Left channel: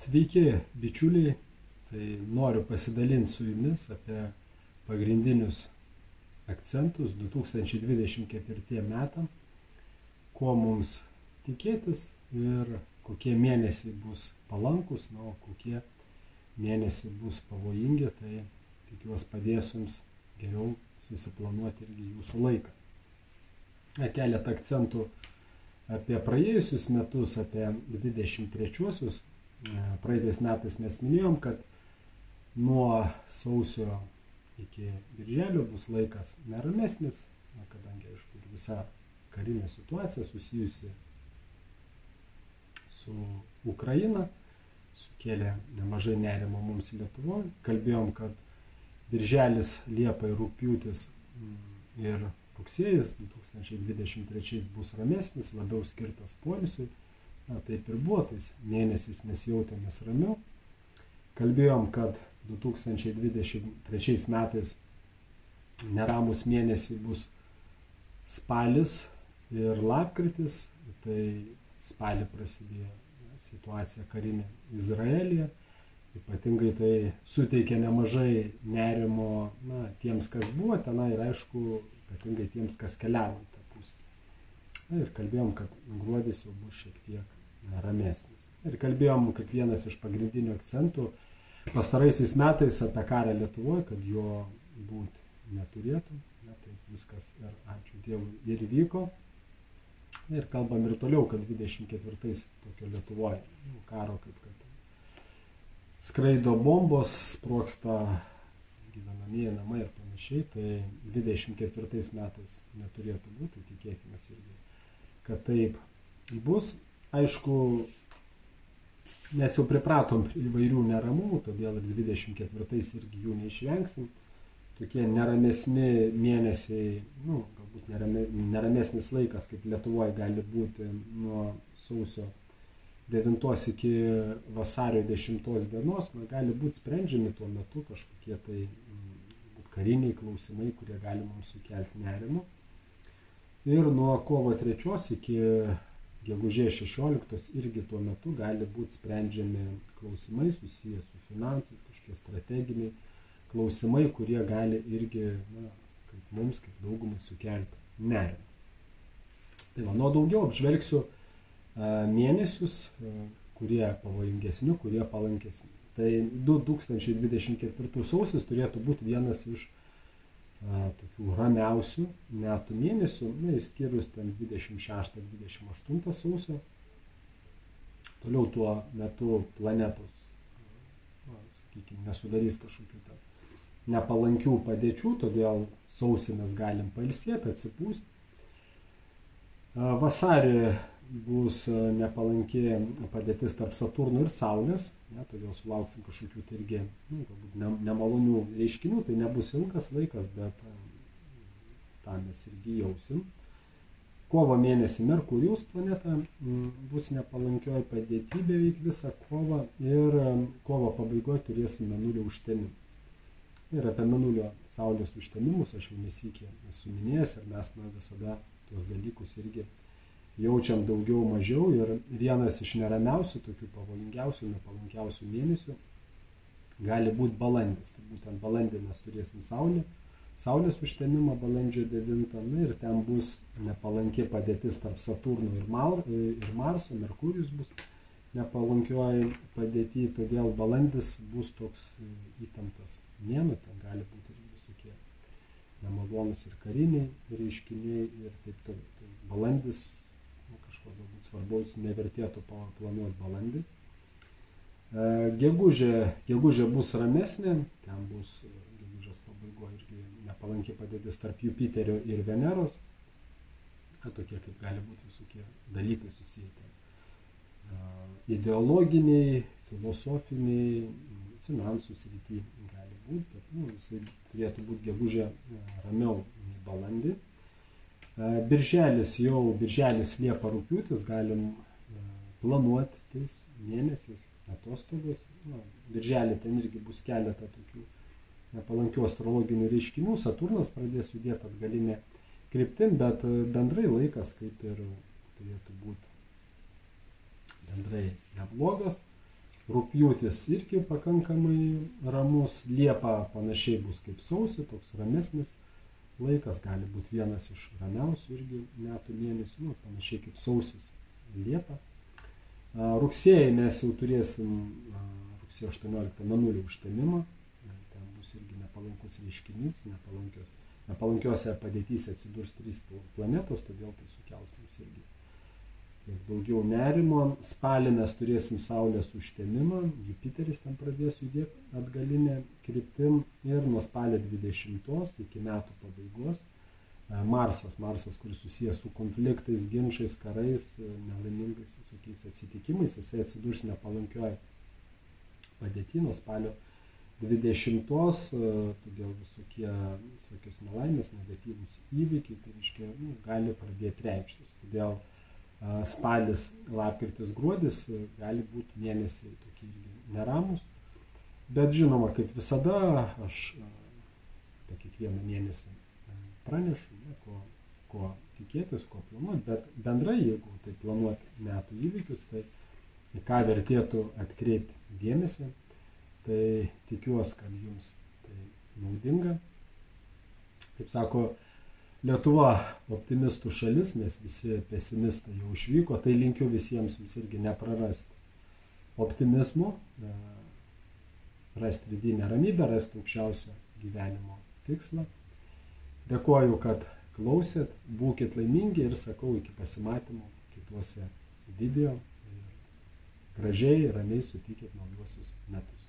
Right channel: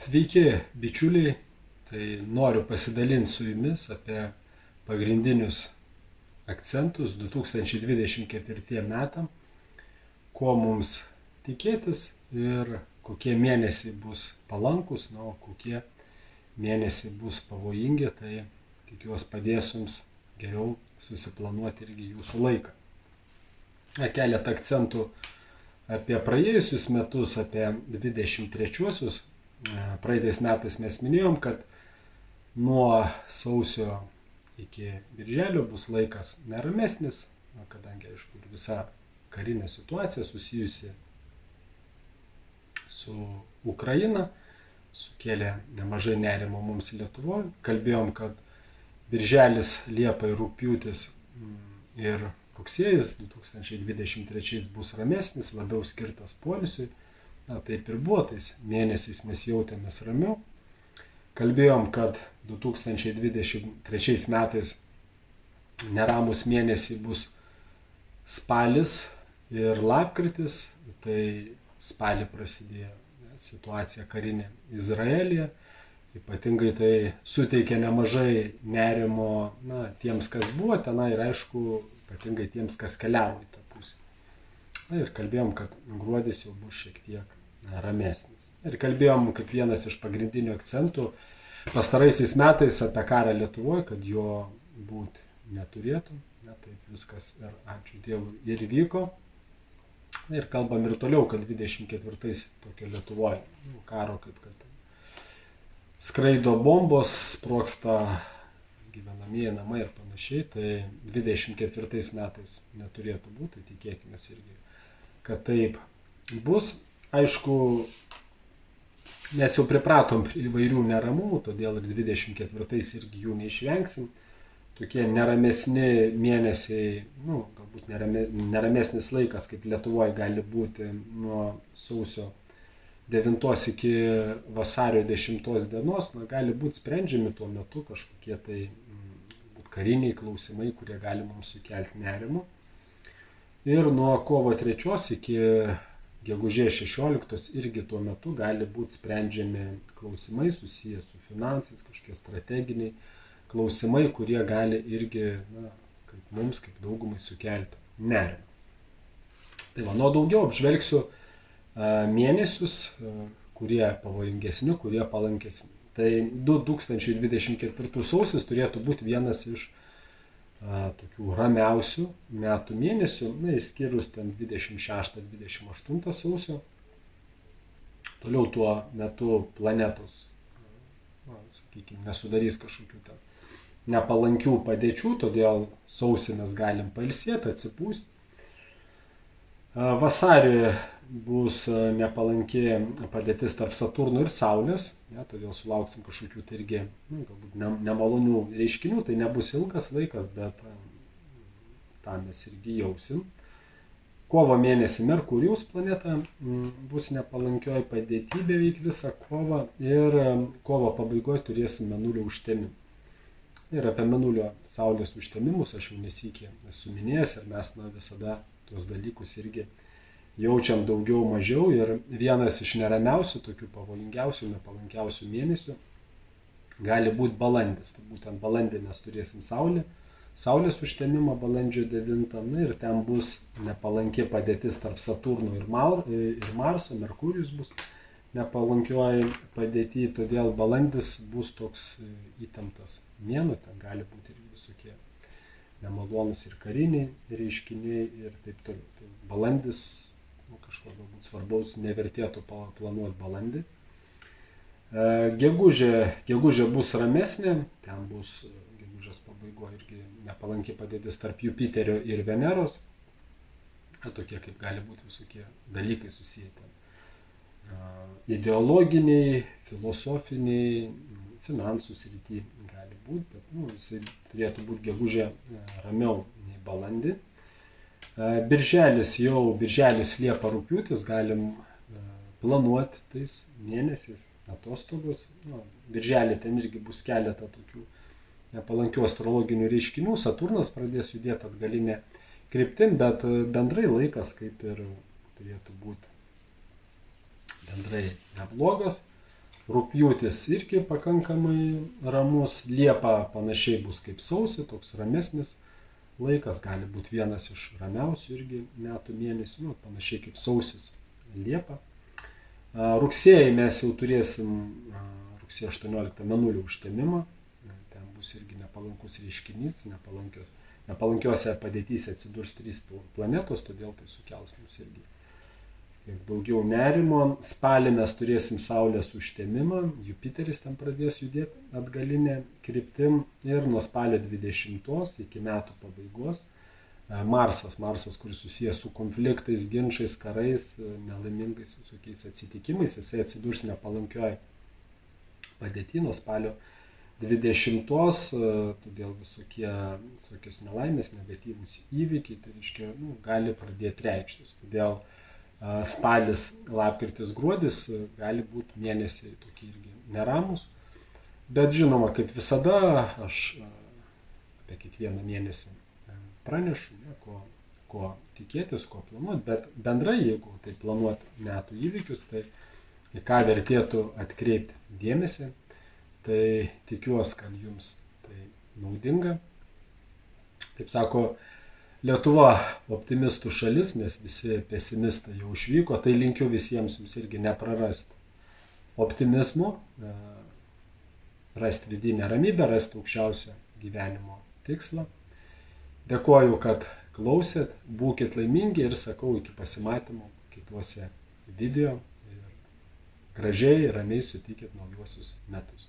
Sveiki, bičiuliai. Tai noriu pasidalinti su jumis apie pagrindinius akcentus 2024 metam, ko mums tikėtis ir kokie mėnesiai bus palankus, o kokie mėnesiai bus pavojingi. Tai tikiuosi padės jums geriau susiplanuoti irgi jūsų laiką. Keletą akcentų apie praėjusius metus, apie 23-uosius. Praeitais metais mes minėjom, kad nuo sausio iki birželio bus laikas neramesnis, kadangi, aišku, ir visa karinė situacija susijusi su Ukraina sukėlė nemažai nerimo mums Lietuvoje. Kalbėjom, kad birželis, liepa ir rugpjūtis ir rugsėjis 2023 bus ramesnis, labiau skirtas poilsiui. Taip ir buvo, tais mėnesiais mes jautėmės ramiau. Kalbėjom, kad 2023 metais neramus mėnesiai bus spalis ir lapkritis. Tai spalį prasidėjo situacija karinė Izraelyje. Ypatingai tai suteikė nemažai nerimo tiems, kas buvo tenai, ir aišku, ypatingai tiems, kas keliavo į tą pusę. Ir kalbėjom, kad gruodis jau bus šiek tiek ramesnis. Ir kalbėjom, kaip vienas iš pagrindinių akcentų pastaraisiais metais apie karą Lietuvoje, kad jo būti neturėtų. Taip viskas, ir ačiū Dievui, ir vyko. Ir kalbam ir toliau, kad 24-ais tokio Lietuvoje karo, kaip kad skraido bombos, sprogsta gyvenamieji namai ir panašiai. Tai 24 metais neturėtų būti, tai tikėkime irgi, kad taip bus. Aišku, mes jau pripratom prie įvairių neramumų, todėl ir 24-ais irgi jų neišvengsim. Tokie neramesni mėnesiai, galbūt neramesnis laikas, kaip Lietuvoje gali būti nuo sausio 9 iki vasario 10 dienos, gali būti sprendžiami tuo metu kažkokie tai kariniai klausimai, kurie gali mums sukelti nerimo. Ir nuo kovo 3 iki gegužės 16 irgi tuo metu gali būti sprendžiami klausimai susiję su finansais, kažkokie strateginiai klausimai, kurie gali irgi, kaip mums, kaip daugumai sukelti nerimą. Tai nuo daugiau apžvelgsiu mėnesius, kurie pavojingesni, kurie palankesni. Tai 2024 sausis turėtų būti vienas iš tokių ramiausių metų mėnesių, išskyrus ten 26-28 sausio. Toliau tuo metu planetos, sakykime, nesudarys kažkokių ten nepalankių padėčių, todėl sausį mes galim pailsėti, atsipūsti. Vasarį bus nepalanki padėtis tarp Saturno ir Saulės, todėl sulauksim kažkokių tai irgi galbūt nemalonių reiškinių. Tai nebus ilgas laikas, bet tą mes irgi jausim. Kovo mėnesį Merkurijos planeta bus nepalankioj padėty beveik visą kovą, ir kovo pabaigoje turėsim Mėnulio užtemimą. Ir apie Mėnulio Saulės užtemimus aš jau nesikį esu minėjęs, ir mes visada tuos dalykus irgi jaučiam daugiau mažiau. Ir vienas iš neramiausių, tokių pavojingiausių, nepalankiausių mėnesių gali būti balandis. Tai būtent balandį mes turėsim Saulės užtemimą balandžio 9, ir ten bus nepalanki padėtis tarp Saturno ir Marso. Merkurijus bus nepalankioji padėty, todėl balandis bus toks įtemptas mėnuo. Ten gali būti ir visokie nemalonus ir kariniai reiškiniai ir taip toliau. Tai balandis, kažko galbūt svarbaus nevertėtų planuoti balandį. Gegužė bus ramesnė, ten bus gegužės pabaigoje irgi nepalanki padėtis tarp Jupiterio ir Veneros. Tokie kaip gali būti visokie dalykai susiję. Ideologiniai, filosofiniai, finansų srity gali būti, bet jisai turėtų būti gegužė ramiau nei balandį. Birželis, liepa, rugpjūtis galim planuoti tais mėnesiais atostogos. Birželį ten irgi bus keletą tokių nepalankių astrologinių reiškinių. Saturnas pradės judėti atgalinė kryptim, bet bendrai laikas kaip ir turėtų būti bendrai neblogas. Rugpjūtis irgi pakankamai ramus, Liepa panašiai bus kaip sausį, toks ramesnis laikas, gali būti vienas iš ramiausių irgi metų mėnesių, nu, panašiai kaip sausis, Liepa. Rugsėjai mes jau turėsim rugsėjo 18 mėnulio užtemimą, ten bus irgi nepalankus reiškinys, nepalankiose padėtyse atsidurs 3 planetos, todėl tai sukels mums irgi tiek daugiau nerimo. Spalį mes turėsim Saulės užtemimą, Jupiteris ten pradės judėti atgalinė kryptim ir nuo spalio 20 iki metų pabaigos Marsas, kuris susijęs su konfliktais, ginčais, karais, nelaimingais visokiais atsitikimais, jisai atsidurs nepalankioj padėty nuo spalio 20, todėl visokios nelaimės, negatyvūs įvykiai, tai reiškia, gali pradėti reikštis. Todėl spalis, lapkritis, gruodis gali būti mėnesiai tokie irgi neramus, bet žinoma, kaip visada, aš apie kiekvieną mėnesį pranešu, ko tikėtis, ko planuoti, bet bendrai, jeigu tai planuoti metų įvykius, tai į ką vertėtų atkreipti dėmesį, tai tikiuosi, kad jums tai naudinga. Kaip sako, Lietuva optimistų šalis, mes visi pesimistai jau išvyko, tai linkiu visiems jums irgi neprarasti optimizmo, rasti vidinę ramybę, rasti aukščiausią gyvenimo tikslą. Dėkoju, kad klausėt, būkit laimingi ir sakau iki pasimatymo kituose video ir gražiai, ramiai sutikit naujuosius metus.